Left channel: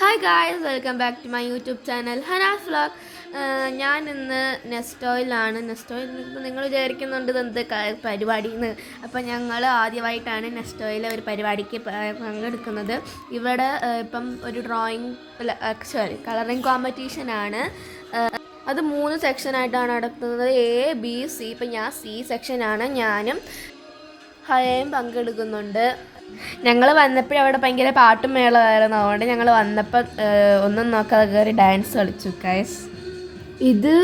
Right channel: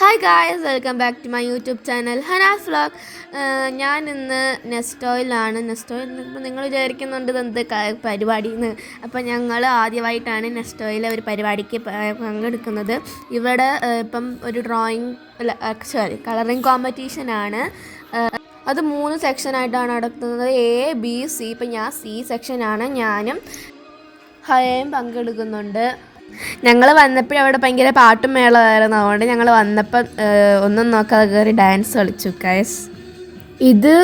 Hi guys welcome back to my YouTube channel Hanas vlog ഞാൻ ഇന്ന് നെസ്റ്റോയിലാണ്. നെസ്റ്റോയിൽ ഇപ്പോൾ നിങ്ങൾ വിചാരിക്കുന്നുണ്ട് എന്ത് പരിപാടി എന്ന് അപ്പോൾ ഞങ്ങൾ ആദ്യമായിട്ടാണ് നെസ്റ്റോയിലെ ഒരു പരിപാടിക്ക് പങ്കെടുക്കുന്നത്. ഇവിടെ ഇപ്പം ഒരു ഡ്രോയിങ് സോറി കളറിങ് കോമ്പറ്റീഷനാണ് അത് മൂന്ന് സെക്ഷനായിട്ടാണ് നടത്തുന്നത്. എ ബി സി ഇപ്പം ഞാൻ സി സെക്ഷനാണ് ഞാനും ഹയയും പങ്കെടുക്കുന്നുണ്ട്. ഞങ്ങൾ വന്നപ്പോഴും അവിടെ ഭയങ്കര പാട്ടും മേളമായിരുന്നു. അതുകൊണ്ട് ഞങ്ങൾ വന്നപ്പോൾ ഒന്നും നോക്കാതെ കയറി ഡാൻസ് കളിച്ചു കാസ് ഇത്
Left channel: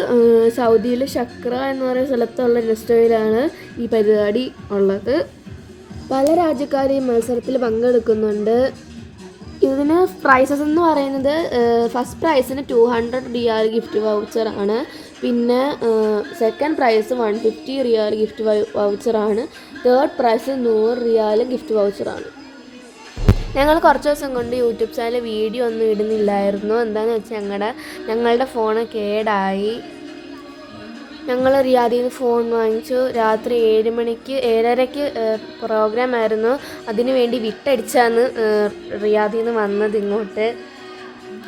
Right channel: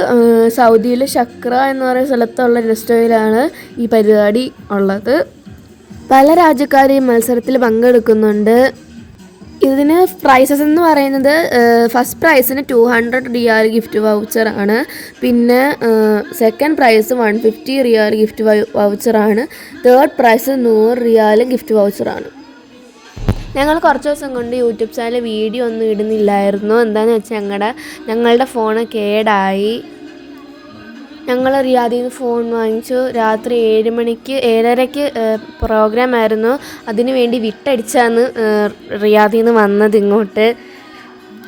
സൗദിയിലെ ഷക്ര എന്ന് പറയുന്ന സ്ഥലത്തുള്ള റെസ്റ്റോയിലാണ് ഈ പരിപാടി ഉള്ളത്. പല രാജ്യക്കാരും മത്സരത്തിൽ പങ്കെടുക്കുന്നുണ്ട്. ഇതിന് പ്രൈസസ് എന്ന് പറയുന്നത് ഫസ്റ്റ് പ്രൈസിന് two hundred riyal gift voucher ആണ്. പിന്നെ second prize one fifty riyal gift voucher ആണ്. തേർഡ് പ്രൈസ് നൂറ് റിയൽ ഗിഫ്റ്റ് വൗച്ചർ ആണ്. ഞങ്ങൾ കുറച്ച് ദിവസം കൊണ്ട് യൂട്യൂബ് ചാനൽ വീഡിയോ ഒന്നും ഇടുന്നില്ലായിരുന്നു. എന്താണെന്ന് വെച്ചാൽ ഞങ്ങളുടെ ഞങ്ങളുടെ ഫോണ് കേടായി. ഞങ്ങൾ റിയാദിൽ നിന്ന് ഫോൺ വാങ്ങിച്ചു. രാത്രി ഏഴ് മണിക്ക് ഏഴരയ്ക്ക് പ്രോഗ്രാം ആയിരുന്നു. അതിനു വേണ്ടി വിട്ടടിച്ചാണ് റിയാദിൽ നിന്ന് വന്നത് ഇങ്ങോട്ട്.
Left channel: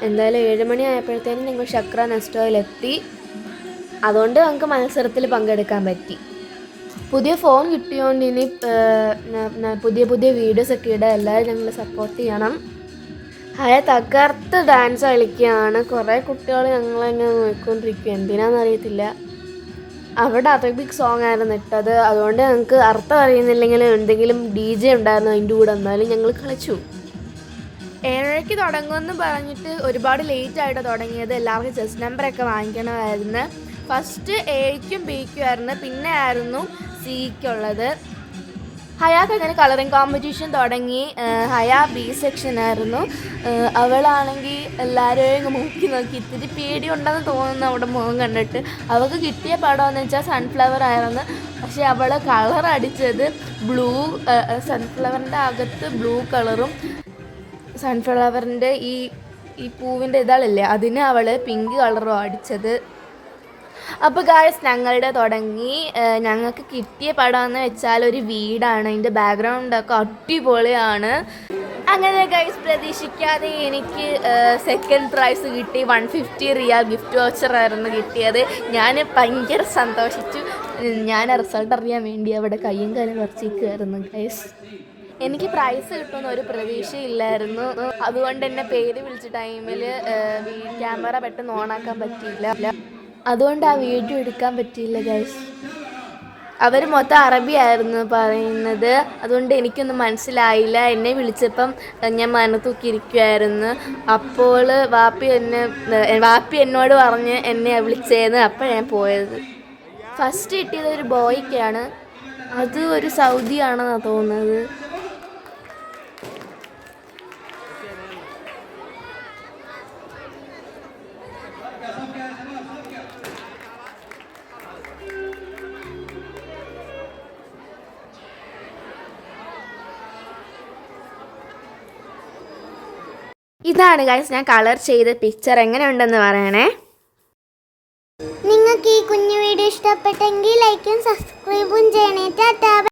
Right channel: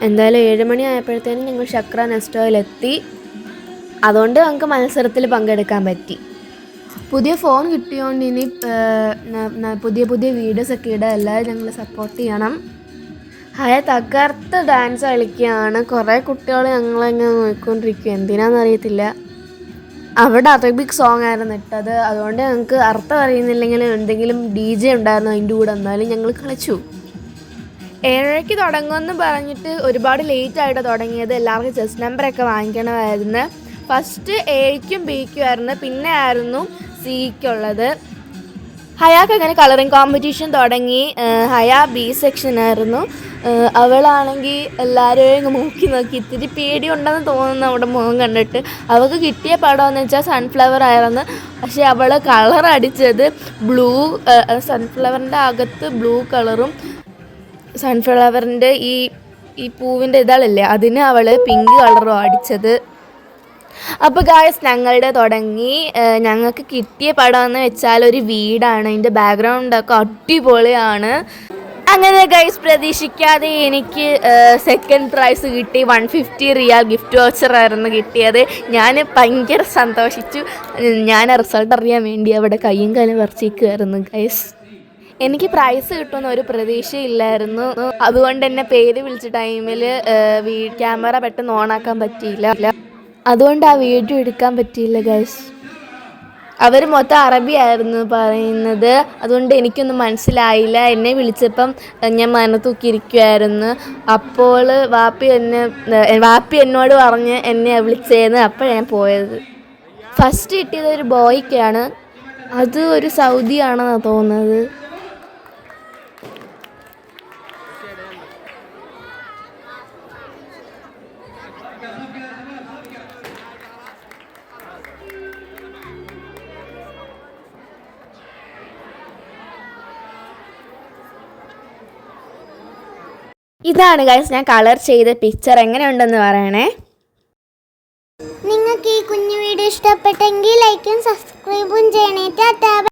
എന്തായാലും ഏഴ് മണി ആയപ്പോഴത്തേനും ഞങ്ങൾ ചക്ര നെസ്റ്റോയിലെത്തി അതുകൊണ്ട് ഞങ്ങൾക്ക് മത്സരത്തിൽ പങ്കെടുക്കാൻ പറ്റി. പുതിയ ഫോൺ കിട്ടിയോണ്ട് ഇനി പുതിയ പുതിയ വീഡിയോസൊക്കെ ഇടുക എല്ലാവരും ഞങ്ങൾ സപ്പോർട്ട് ചെയ്യണം. ഹയ തകർത്ത് ഡാൻസ് കളിക്കുകയാണ്. കുറേ കുട്ടികൾ ഞങ്ങളിങ്ങനെ നോക്കിക്കൊണ്ടിരിക്കുക എന്തിനാണെന്ന് അറിയത്തില്ല. അവിടെ അറബിക് സോങ് ആയിരുന്നു ഇട്ടത്. അതുകൊണ്ട് ഞങ്ങൾക്ക് അർത്ഥം അറിയുന്നില്ലെങ്കിൽ എന്തെങ്കിലും ഡി ജെ ഉണ്ടായിരുന്നു അതിന്റെ കൂടെ? എന്നാലും ഞങ്ങൾ കളിച്ചു. ഏഴരയ്ക്ക് തുടങ്ങുമെന്ന് പറഞ്ഞിട്ട് ഒരുപാട് ലേറ്റ് ആയിട്ട് തുടങ്ങിയത്. എല്ലാവർക്കും ചെസ് നമ്പറൊക്കെ വാങ്ങിക്കണമായിരുന്നു. ഫസ്റ്റ് എയ്ക്കും ബിക്കും ആയിരുന്നു. പിന്നെ ആയിരുന്നു സിക്കുള്ളത് ഹയാക്ക് അങ്ങനെ കളറിങ് കോമ്പറ്റീഷൻ തുടങ്ങി ഹയ ബി സെക്ഷനായിരുന്നു അവളാണെങ്കിൽ എല്ലാവരെയും നോക്കി നോക്കി ഇത്തിരി പേടിയുണ്ടെന്ന് തോന്നുന്നു അവിടെ മുഖം കണ്ടിട്ട്. അവൾക്ക് കിട്ടിയ പടമെന്ന് വെച്ചാൽ സൺഫ്ലവർ ആയിരുന്നു. പക്ഷെ അവൾ കളർ അടിച്ചത് ബ്ലൂ സൺഫ്ലവറിന്റെ അകത്ത് ബ്ലൂ കളറും സൺഫ്ലവറിന്റെ ഈ ഈ പൂവിന്റെ ഇതാളല്ലേ അതിന് അവൾ പിങ്ക് കളറും അടിച്ചത്. അപ്പോൾ ഗായസ് ഞങ്ങളുടെ തുടങ്ങി ഞങ്ങൾക്ക് കിട്ടിയ പടം എന്ന് വെച്ചാൽ ഒരു വീടാണ്. അതിന്റെ ബാക്ക്ഗ്രൗണ്ടൊക്കെ അടിപൊളിയാണ്. അങ്ങനെ ഗൈസ് പ്രതീക്ഷിക്കാതെ എനിക്ക് സെക്കൻഡ് പ്രൈസ് കിട്ടി. One fifty riyal gift voucher ആയിരുന്നു കിട്ടിയത്. ഞാൻ ഭയങ്കര സന്തോഷിച്ചു. ഞാൻ റിസൾട്ട് അറിയാൻ വേണ്ടി അവിടെ കയ്യും കാലും വരച്ചിരിക്കുമായിരുന്നു ഗൈസ് എനിക്ക് പ്രൈസ് കിട്ടുമെന്ന് ഒരു പ്രതീക്ഷയില്ലായിരുന്നു. അതുകൊണ്ട് എന്നെ പേര് വിളിച്ച ടൈമിൽ ക്യാമറ പെട്ടെന്ന് ഓണാക്കാൻ പറ്റിയില്ല. അതുകൊണ്ട് ആ വീഡിയോ എടുക്കാൻ പറ്റിയില്ല ഗൈസ് അവർ മൊത്തം അറബിയായിരുന്നു പറയുന്നത്. അതുകൊണ്ട് എനിക്കൊന്നും മനസ്സിലായില്ല. എന്നെ വിളിച്ചപ്പം ഞാൻ മനത്തൂക്കിയിരിക്കുമായിരുന്നു അപ്പോൾ വാപ്പി എന്നെ വാപ്പി എന്നോട് പറഞ്ഞ് എന്നെ വിളിച്ചേന്ന് അപ്പോൾ ഞാൻ പോയത്. ഫസ്റ്റ് കിട്ടിയത് ഒരു ബോയ്ക്കാണ്. അത് ഒരു സൗദി ആണെന്നാണ് തോന്നുന്നത്. ഇതാണ് ഗൈസ് ഞാൻ കളർ ചെയ്ത പിക്ചർ എങ്ങനെ ഉണ്ടെന്ന് പറയണേ? നിങ്ങൾക്ക് ഈ കുഞ്ഞു വീഡിയോ ഇഷ്ടപ്പെട്ടെങ്കിൽ ലൈക്കും സബ്സ്ക്രൈബും ചെയ്യണേ.